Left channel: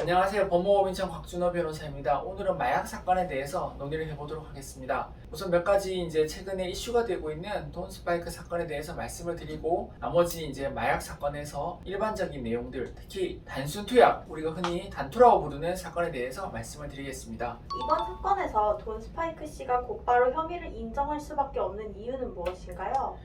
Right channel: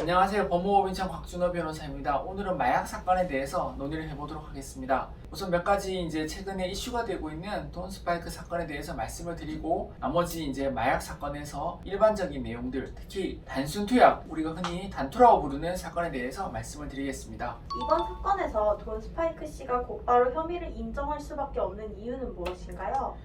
안녕하세요. 법무법 인천 곽준호 변호사입니다. 오늘은 마약 사건에 대해서 논의를 해보도록 하겠습니다. 우선 몇 가지 최근에 이슈가 되고 있는 돈 스파이크 사건에 대해서 말씀을 드리고, 나머지 마약 사건에서 일반적인 내용들, 특히 단순 투약, 우리가 흔히 단투라고 부르는 사건에 대해서 말씀을 드리겠습니다. 이번 사건에서 돈 스파이크 씨가 곧바로 혐의를 인정할 수밖에 없는 이유는 무엇인가요?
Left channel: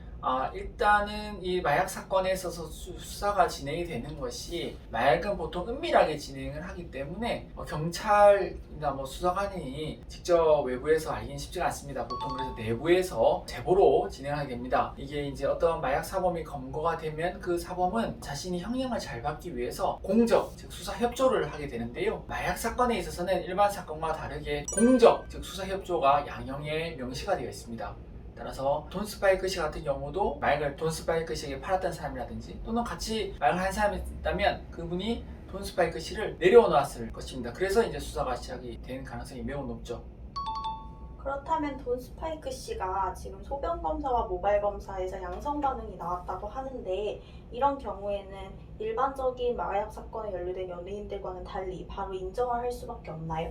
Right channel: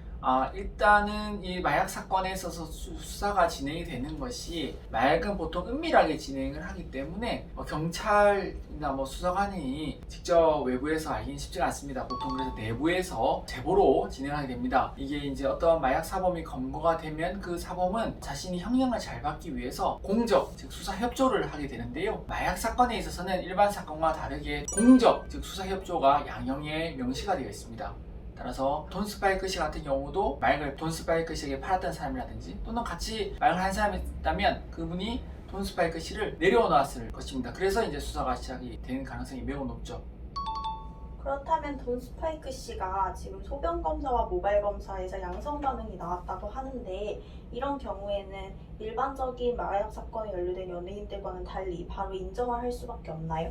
일단은 이 마약 사건에 있어서 수사가 진행이 되는 것이, 마약은 보통 은밀하게 진행을 하기 때문에 경찰이나 수사관이 직접 외부에서 알기는 쉽지가 않습니다. 보통 그래서 내부에서 제보로 진행하게 됩니다. 이게 어떤 마약 사범이 검거가 되면 그 사범은 자신이 형량을 잘 받기 위해서 공적, 즉 수사 협조를 하게 되는데요. 마약 사건에 있어서는 일반 사건과 다르게 공적, 즉 수사 협조가 양형에 명시가 되어 있습니다. 따라서 돈 스파이크 씨 같은 경우도 마약을 돈 스파이크 씨에게 팔았던 사람이라든지, 또는 같이 마약을 한 사람이 있다면 그분이 돈 스파이크 씨를 내려놓았을 것입니다. 그래서 수사가 시작이 되는 가능성이 매우 높죠. 그렇다면 돈 스파이크 씨가 지금 소변 검사와 모발 검사에서 양성 반응이 나왔다고 하는데, 이런 경우에는 일반적인 마약 사건에 연루된 연예인들과는 달리 바로 인정을 할 수밖에 없나요?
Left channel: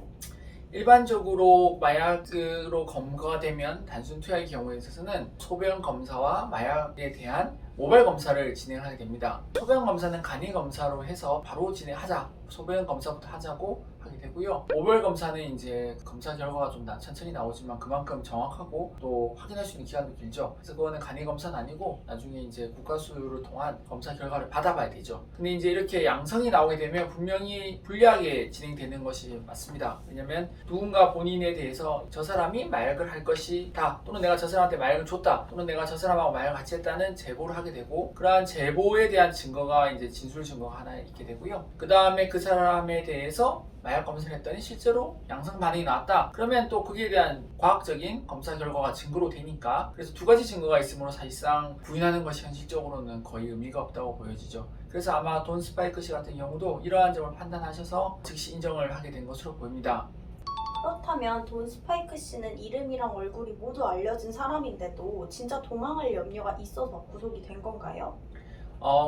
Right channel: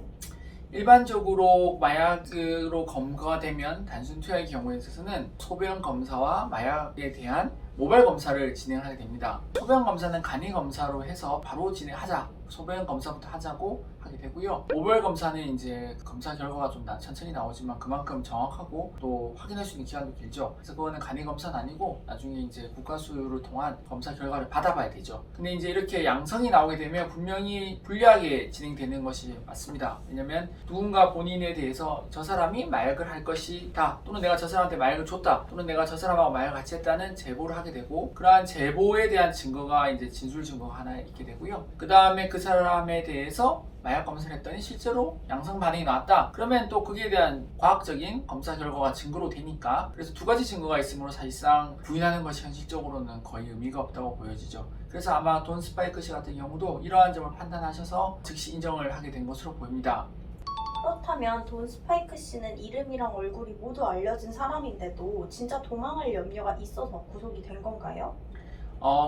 일반적으로 마약으로 검거가 되면 단순 투약의 경우에 있어서는 소변 검사와 마약에 대한 모발 검사를 진행하게 됩니다. 소변 검사는 간이 검사로 해서 바로 진행하자, 소변 검사부터 하자고 하게 되고요. 모발 검사는 검사 결과가 좀 천천히 나오지만 그만큼 정확하고 또 확인할 수 있는 기간도 길죠. 그래서 그거는 간이 검사는 아니고 나중에 국가수요를 통한 검사 결과를 받아봐야 되죠. 근데 이렇게 양성이 나오게 되면 분명히 불리하게 진행되는 것이 맞습니다. 왜냐면 누군가 본인에 대해서 저 사람이 마약을 할 것이다, 또는 내가 저 사람한테 마약을 줬다, 또는 내가 저 사람하고 마약을 같이 했다는 제보를 하게 되고, 그러한 제보에 대한 증거가 진술 증거가 하나 있게 되고요. 그 다음에 그 사람에 대해서 마약 검사를 했더니 실제로 양성 반응이 나왔다. 그러면 또 거기에 대한 과학적인 검사 결과가 증거로 되니까, 그래서 두 가지 증거가 있으므로 사실상 부인하는 것이 현실적으로는 거의 의미가 없다고 보여지죠. 그래서 아마 돈 스파이크 씨 같은 경우도 이러한 점을 판단하셔서 즉시 인정을 하게 된 것으로 보입니다. 그렇다면 돈 스파이크 씨는 이름이랑 얼굴이 모두 알려진 사람인데도 진짜 도망할 염려가 있어서 구속이 된 건가요?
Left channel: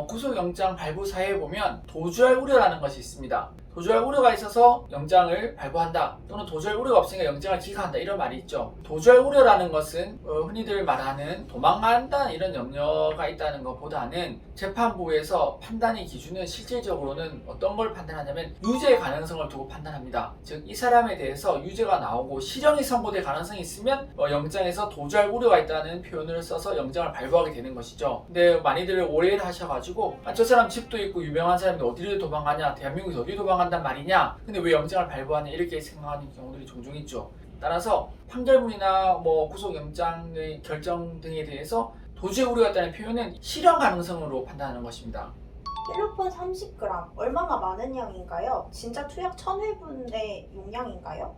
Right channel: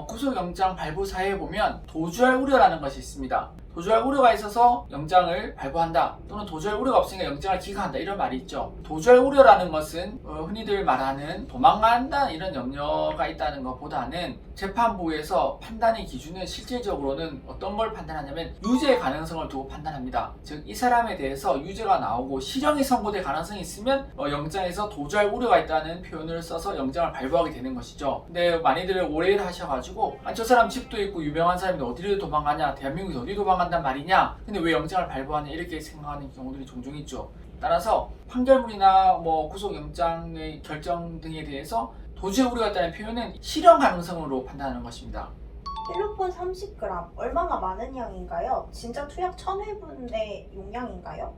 구속영장 발부사에 보면 도주할 우려라는 것이 있습니다. 도주할 우려가 있어서 영장을 발부한다, 또는 도주할 우려가 없으니까 영장을 기각한다, 이런 말이 있죠. 도주할 우려라는 것은 흔히들 말하는 도망간다 이런 염려가 있다는 것보다는 재판부에서 판단의 기준은 실질적으로는 어떤 걸 판단하냐면 유죄 가능성을 두고 판단합니다. 즉 이 사람에 대해서 유죄가 나오고 실형이 선고될 가능성이 있으면 영장에서 도주할 우려가 있다는 표현을 써서 영장을 발부하게 되는 것이죠. 근데 많이들 오해를 하셔가지고 저 사람 집도 있고 유명한 사람인데 어디를 도망가냐, 대한민국에서 어디 도망간단 말이냐, 근데 왜 영장을 발부하냐, 이렇게 생각하는 경우들이 종종 있죠. 따라서 판결문이나 구속영장의 결정 등에 대해서 도주의 우려가 있다는 표현은 실형 가능성으로 판단하는 것입니다. 필로폰 30g, 얼마나 많은 양인가요? 진짜 투약 1000회분의 용량인가요?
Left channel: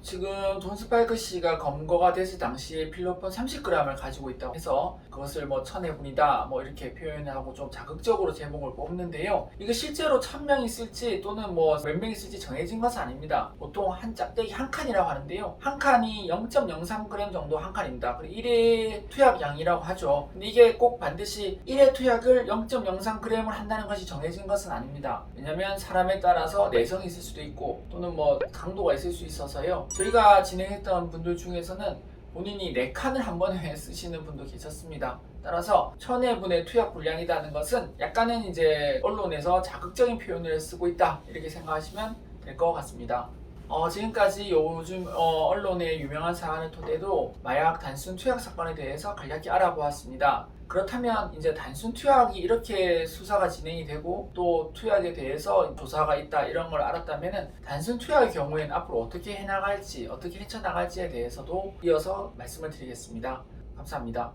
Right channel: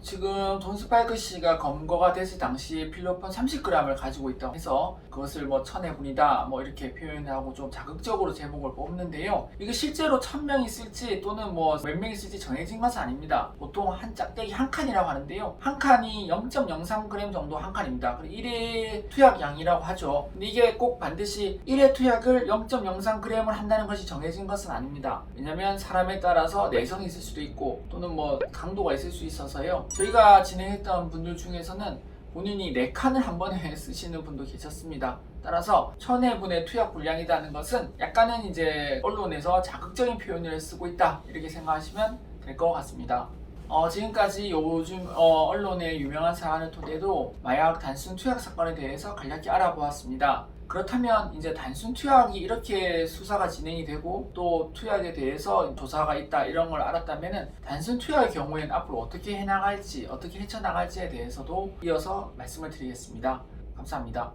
지금 돈 스파이크 씨가 검거가 됐을 당시에 필로폰 30g을 가지고 있다고 해서 그것을 1000회분이다 이렇게 표현하고 좀 자극적으로 제목을 뽑는데요. 이게 실제로 1000명이 쓸지 또는 몇 명이 쓸지 정해진 것은 아닙니다. 보통 한 짝대기 한 칸이라고 하는데요. 한 칸이 0.03g 정도 한 칸입니다. 그리고 1회 투약량이라고 하죠. 근데 이게 꼭 반드시 1회 투약을 0.03g을 한다는 것이 정해진 것은 아닙니다. 왜냐면 사람에 따라서 내성이 있을 수도 있고, 또는 강도가 있을 수 있어서요. 저희가 진행했던 분들 중에서는 본인이 4칸을 한 번에 쓰시는 분도 계셨습니다. 따라서 1000회분의 투약 분량이라는 것은 약간은 언론에서 자극적인 표현을 쓰고 있다, 이렇게 생각하시면 될 것 같습니다. 지금까지 요즘 언론의 유명한 사안을 토대로 마약 단순 투약 사건에 대해서 간략히 알아보았습니다. 그렇다면 단순 투약이 이렇게 수사가 진행이 되고 또 투약에 대해서 조사가 있다, 이런 걸 알았다면 단순 투약의 경우에는 앞으로 어떻게 해나갈지, 어떻게 헤쳐나갈지에 대해서도 이어서 말씀을 드리겠습니다. 감사합니다.